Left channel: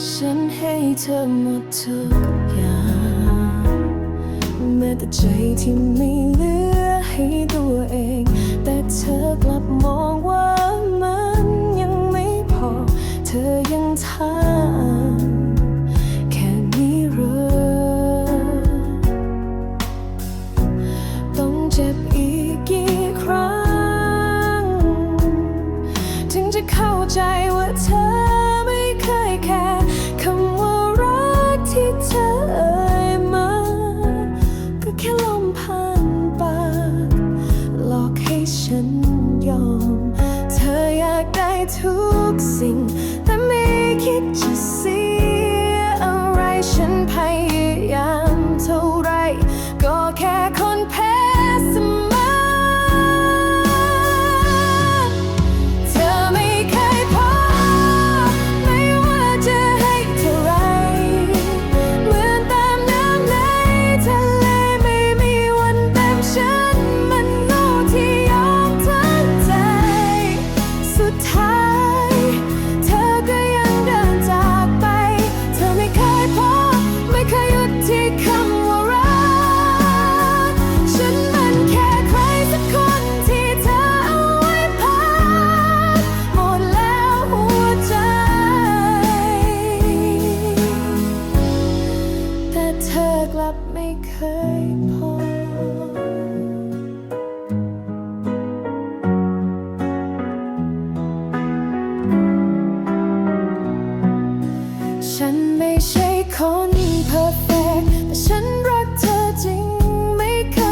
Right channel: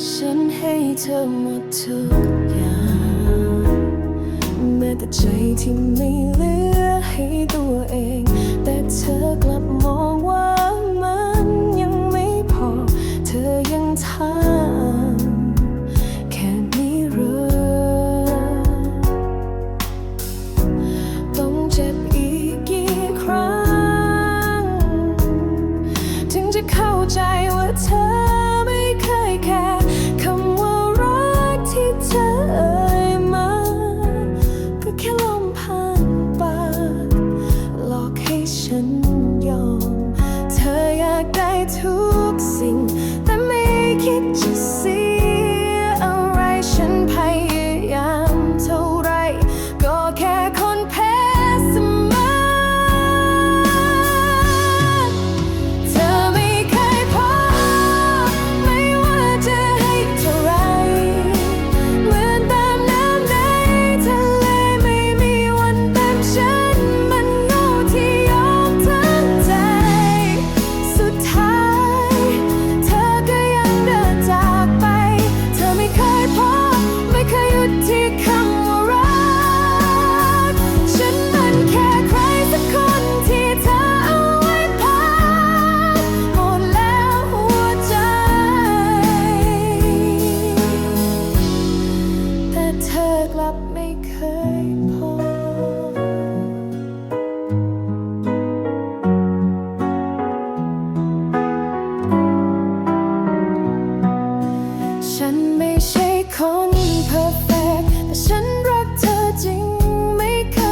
ฉันให้เธอหมดทุกอย่างแม้แต่ใจที่ไม่เหลือให้ตัวเอง แต่เธอกลับมองว่ามันยังไม่พอ เธอยังถามแค่นี้หรือต้องเจ็บอีกกี่ครั้ง ถึงจะเข้าใจว่าเธอ แค่คำว่ารักที่เธอเอ่ยมา ก็แค่ลมผ่านปากหลอกให้ฉันยอม เธออยากได้ทุกสิ่ง แต่ไม่คิดจะเสียอะไรฉันพย ไม่เคยพอ ฉันไม่ใช่คนเพอร์เฟกแต่ฉันรักเธอจริงไม่เคย